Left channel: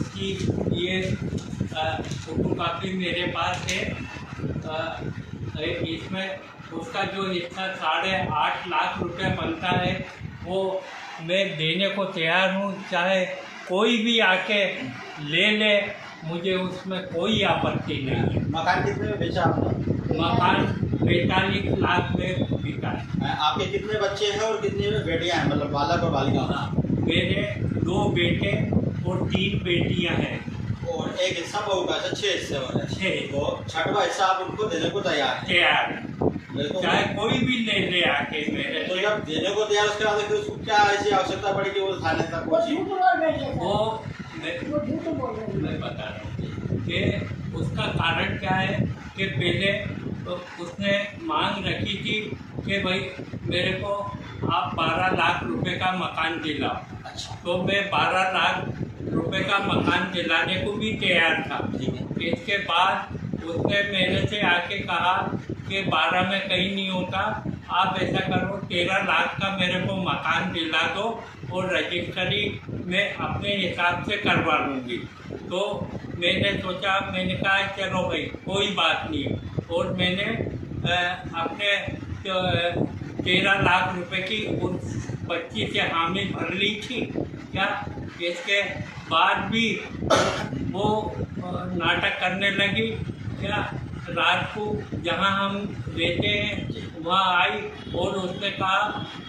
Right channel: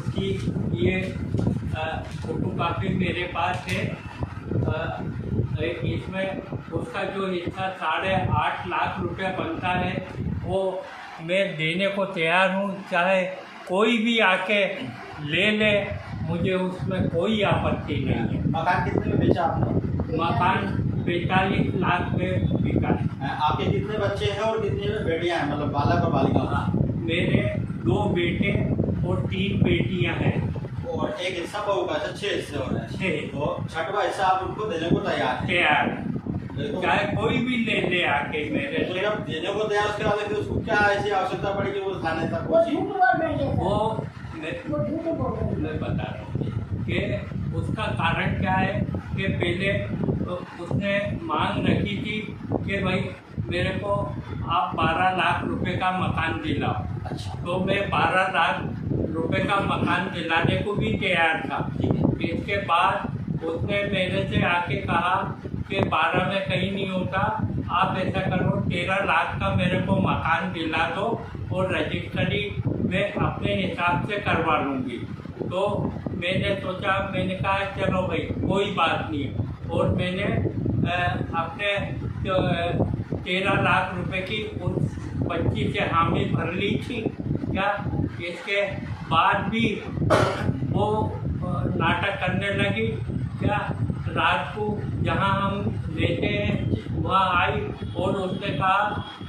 उसकी ये फोटोकॉपी मेरे पास है। इसमें उसका जो हिस्सा 8.5 लाख रुपए बनता है वो मैं देने को तैयार हूँ, चाहे कोई भी आके ले, मुझे उसमें कोई आपत्ति नहीं है। मकान कितने में बेचा आपने? मकान 45 लाख में बिका है। आपके कितने बच्चे हैं और कितनी बेटियां हैं, मतलब बालक और बालिका? मेरे 2 बेटे और 3 बेटियां हैं और एक हिस्सा बहू का, 6 हिस्से हो रहे हैं। 6। तो 6वां हिस्सा आप उनको देने को तैयार हैं? तैयार, तो चाहे कोई भी ले आके मेरे तो से। जब देने को तैयार, उसके बाद फिर उसको क्या ऐसी आवश्यकता पड़ी कि वो थाने तक पहुंची? वो मैं बता रहा हूँ कि उसका कारण क्या है कि पहले तो उसने मांग रखी थी कि भाई मेरे को आप 12 लाख रुपए का मकान दिलाओ। अच्छा। तो मैं 12 लाख रुपए का मकान दिलाने को भी तैयार था। ठीक है। इसके बाद उसने मेरे से आके कहा कि 12 में कहीं नहीं होता, आप ऐसा करो 13 लाख का मेरे को मकान दिला दो और रजिस्ट्री में अपने हिसाब से करवा लूँगी। तो मैंने सोचा, मैंने कहा चलो भाई कोई बात नहीं है, और मैंने अपने 13 लाख रुपए की उस 25 से हामी भर ली थी क्या। इसके बाद भी वो नाटक करने लगी क्या। रात को जहाँ हम रहते हैं वहाँ आई और उसने कहा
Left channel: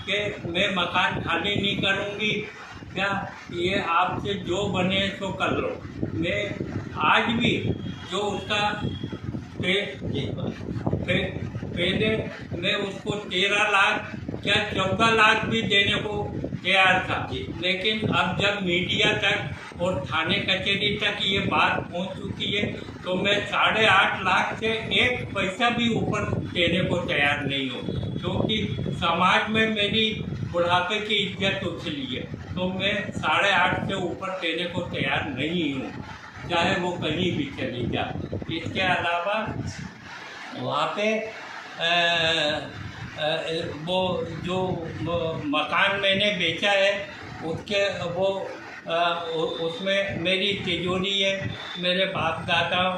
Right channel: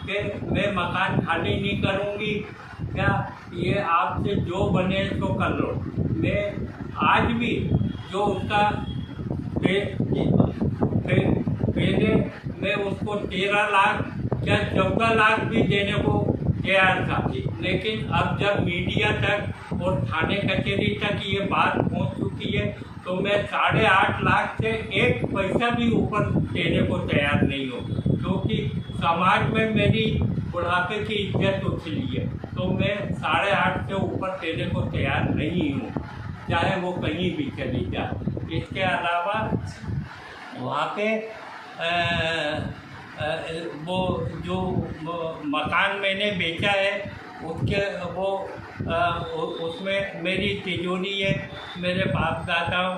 कि मैं मकान खाली नहीं करूँगी क्या, ये आपसे जो बने सो कर लो। मैं आज भी जो उसका पहले मैं उसको 13 लाख या 14 लाख भी देने को तैयार था, लेकिन अब जब मीडिया तक और थाने कचहरी तक ये बात पहुंच चुकी है तो मैं 8.5 लाख से 1 पैसा भी ऊपर देने को तैयार नहीं हूँ, क्योंकि समाज में मेरी बुढ़ापे की इज्जत उछली है। तो मैं 8.5 से ऊपर देने को तैयार नहीं हूँ, चाहे वो कहीं भी चली जाए। इसके अलावा वहाँ पे वो जो मकान मैंने बेचा है उसके उसमें मेरी तिजोरी है, मेरे बाप दादाओं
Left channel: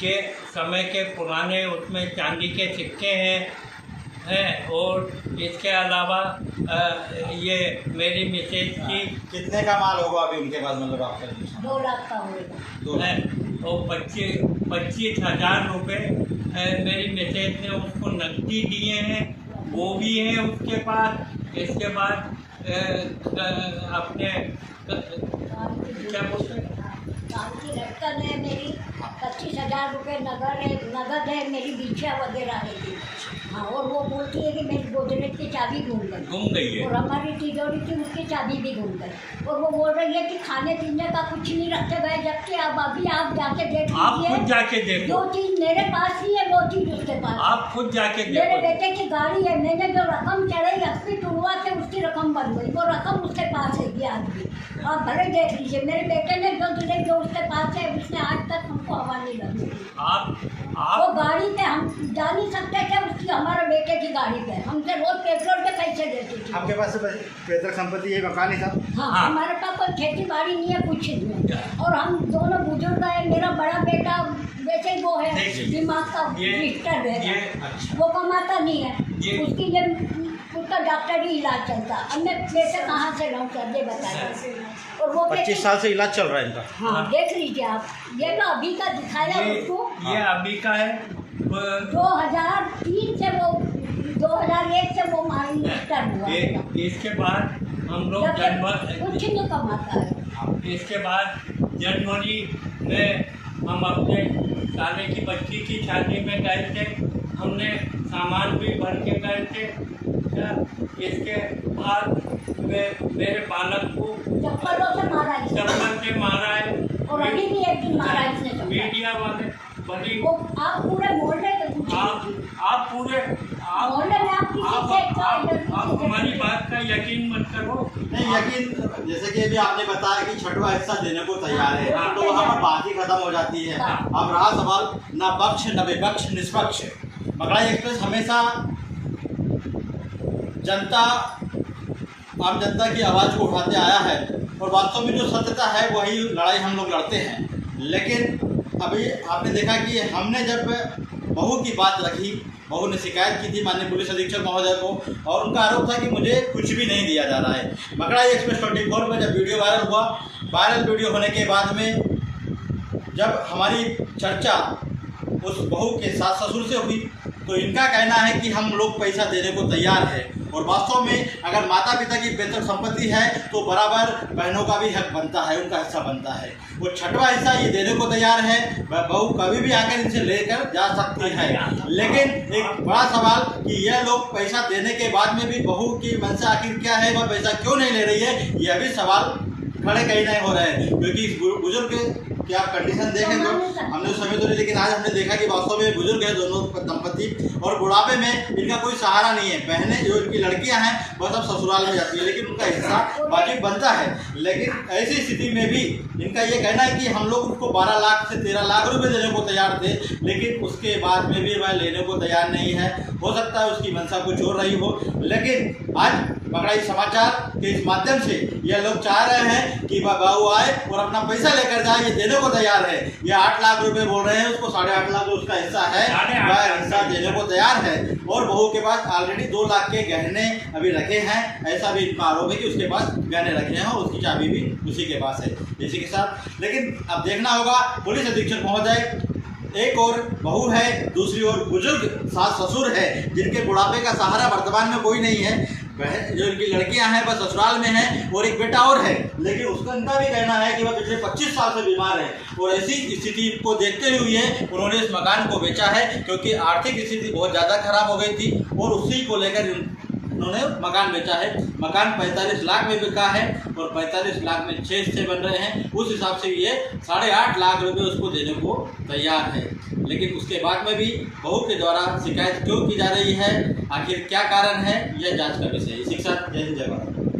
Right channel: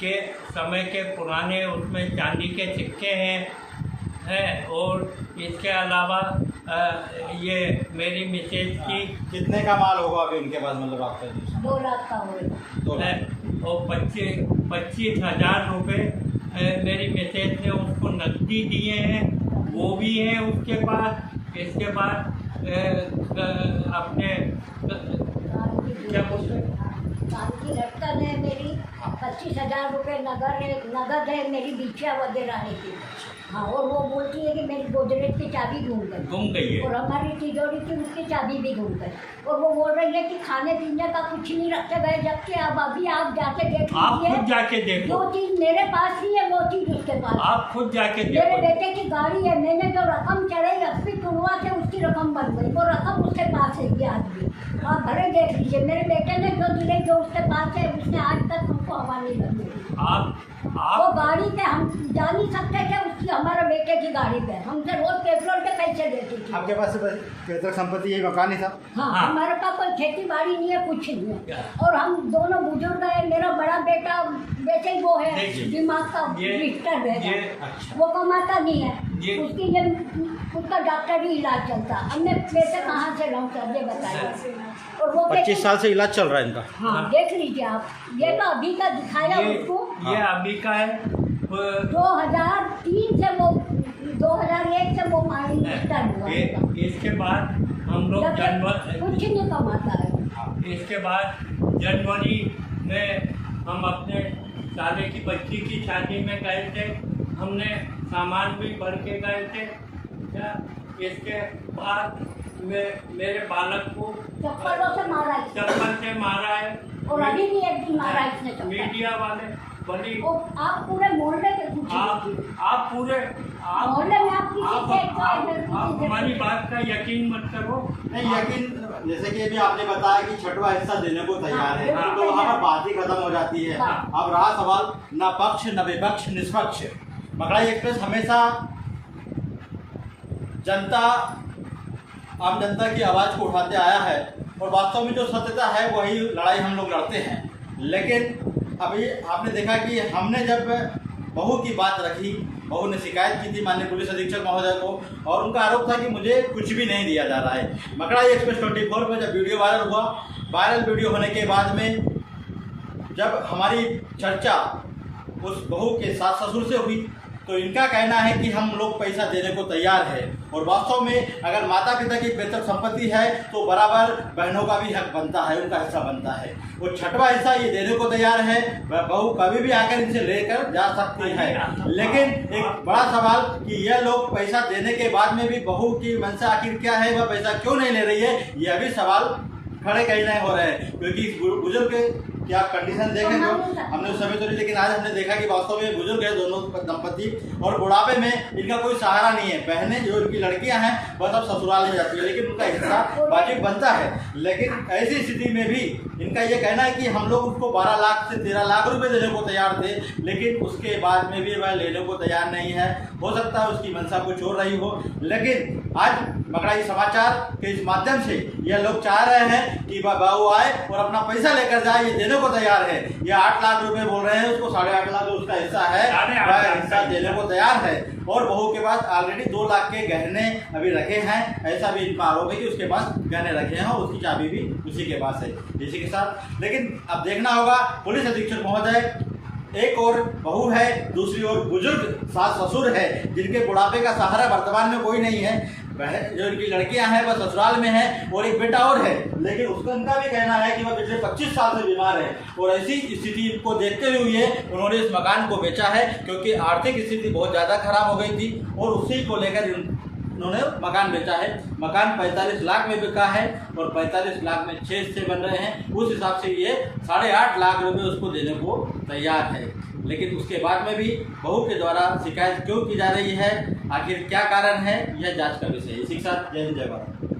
के समय के पुराने उसमें चांदी के सिक्के हैं और इसके अलावा ये मेरी मिसेज की। कितने का माल होगा अभी उनके पास, मतलब आपका? 2 लाख का होगा। है और 25,000 रुपये मेरी मिसेज ने उसको नकदी दिए हैं, वो भी हैं उसके पास। इसके बाद अपने क्या बोलते हैं, की लटकन है मेरी, 25,000 रुपये नगद है, मेरी बिछिया वगैरह है थी। हाँ, और वो बोलती है कि मेरी गोदरेज की चाबी गुम गई है और हमारी तिजोरी की उसकी चाबी भी गुम गई। और वो बोल रही है कि खाने पीने का कुछ नहीं रखे गए, जबकि अब अभी आप जाके देख लीजिए, खुद जाके देखो, जो चीज़ मेरे पास ही है वो चीज़ उसके पास। आप खुद जाके मेरे बेटे की गाड़ी है, मैंने जो रकम चढ़ाई रखी टुड़वा से उसकी रकम बन गई, वो रकम उसके पास है ये आज भी। आप भले देख लीजिए, मेरे बेटे ने जो दिले जो उसके पास है उसने आज तक हमको हवा नहीं लगी। वो गाड़ी पे हम जा नहीं सकते थे, उसकी हमारे बेटे की गाड़ी पे हमसे रोज पेट्रोल के पैसे देती थी। आपके पास पैतृक संपत्ति ये मकान ही था? हाँ, हमारे पास कोई खेती बाड़ी नहीं है, कुछ नहीं है। और हम दोनों बुजुर्ग है, मेरा बड़ा बेटा वैसे ही वो है दिमाग का डिस्टर्ब है, वो कमाता नहीं है, उसकी उसका डॉक्टरी इलाज चलता। अब मैं पैसे कहाँ से लाऊं सर, ये बताइए। और वो 25 साल से इलाज चल रहा है इनका। हाँ, देख लीजिए आप, ये तो अभी का दिखाया उसको। ये अभी का है। 2003 से वो 2001 से वो माइंड स्टार्ट हुआ। इसके बाद हम लोग कुछ नहीं कमाता है। इसके बाद जनवरी में हम अपने साले की बच्ची की शादी में गए थे, हमने सामान भी भर के गए थे। इसके बाद मेरे बालक को चप्पलों से मारा है, चप्पल से मारा है और अभी भी एक दिन मारा है इसने। मीडिया वाले बड़ी, आप पूरे मोहल्ले के आप पूरे मोहल्ले में आप हमारी बात का यकीन मत करो। नहीं, यकीन जैसे कि अभी आपने बताया कि 6वां हिस्सा देने को तैयार है, हाँ, तो वहाँ पर बात ही खत्म हो जाती है। अब रहा सवाल न पक्ष न विपक्ष, निष्पक्ष। मकड़ाई एक्सप्रेस हमेशा जनता, आम जनता की आवाज़ को उठाते आया है और वास्तव में जो सत्यता है वही लड़ाई हम लोग लड़ते हैं। लेकिन अभी आपने देखा कि हमने जब बहू की बात रखी, बहू ने शिकायत की थी माननीय पुलिस अधीक्षक महोदय को, और उनका आरोप था कि मुझे कुछ भी नहीं दिया जा रहा है। मकड़ाई एक्सप्रेस 24 में जब वीडियो वायरल हुआ, वायरल वीडियो होने के बाद में जब हमारी चर्चा उस बहू के सास ससुर से हुई, तो इनका कहना है कि हम लोग पैसा देने को तैयार है, और वास्तव में अगर माता पिता की पैतृक संपत्ति है तो बराबर बहनों का भी हक बनता है, उनका हिस्सा बनता है। वो छठवां हिस्सा ये देने को तैयार है, बहू कभी भी आकर इनसे लेकर जा सकती है। लेकिन एक बड़ा सवाल कि यह लोग पैसा देने के बाद में भी बहू की मंशा आखिर क्या है, वह पैसा क्यों नहीं ले रही है, यह भी सवाल खड़े कहीं नहीं हो रहे हैं। क्योंकि बुजुर्ग कि आप कंडीशन देखें तो हमने उस समय तो नहीं, लेकिन आज हमने देखा कि वास्तव में बुजुर्ग है दोनों दंपति, और बुढ़ापे में इनका कोई सहारा नहीं है। बहनें जो इनकी लड़कियां हैं वह सब ससुराल में जाती है, लेकिन उनका हिस्सा वाजिब बनता है। लेकिन ऐसी स्थिति में भी इनका ये कहना है कि हम लोग उसको 12 लाख से 13 लाख रुपए देने को तैयार थे, लेकिन उसके बाद में भी वह लेने को तैयार नहीं है। हो सकता है उसकी मंशा कुछ और रही हो, लेकिन आज मकड़ाई समाचार के इस माध्यम से यह लोग चाह रहे हैं कि वह बहू आए और अपना पैसा लेकर जाए, ये देने को तैयार है। ये 8 लाख रुपए बोल रहे हैं, उसको 8.5 लाख जो उसका हिस्सा है वह हिस्सा देने को तैयार है। और बहू के पास ऑलरेडी 2 लाख के गहने अभी रखे हैं, ऐसा भी इनका आरोप है कि उसके पास गहने रखे हैं और उसकी चाबी भी उसी के पास है, इसी के साथ। लेकिन अब देखना होगा पुलिस अधीक्षक महोदय, एक और बहू है, दूसरी ओर बुजुर्ग सास ससुर है, जिनके बुढ़ापे का सहारा वर्तमान में कोई नहीं है। वह जो इनकी लड़कियां हैं वह ससुराल में हैं, और एक बेटा और है, लेकिन उसका इनका भी कहना है कि वह पिछले 25 साल से बीमार है। और ऐसी स्थिति को देखते हुए उन्होंने इस मकान को बेचा है, क्योंकि आर्थिक स्थिति बहुत ज़्यादा खराब हो गई थी, और उसी को लेकर उन्होंने मकान बेचा है। मकान 45 लाख में बिका है, और 45 लाख में 6 हिस्से बन रहे हैं। उस हिसाब से ये 8.5 लाख रुपए उसको देने को तैयार है। लेकिन उसके बाद में भी बहू के द्वारा शिकायत क्यों की जा रही है, आखिर क्या कारण है, यह जांच का विषय है। इसी के साथ जय हिंद जय भारत।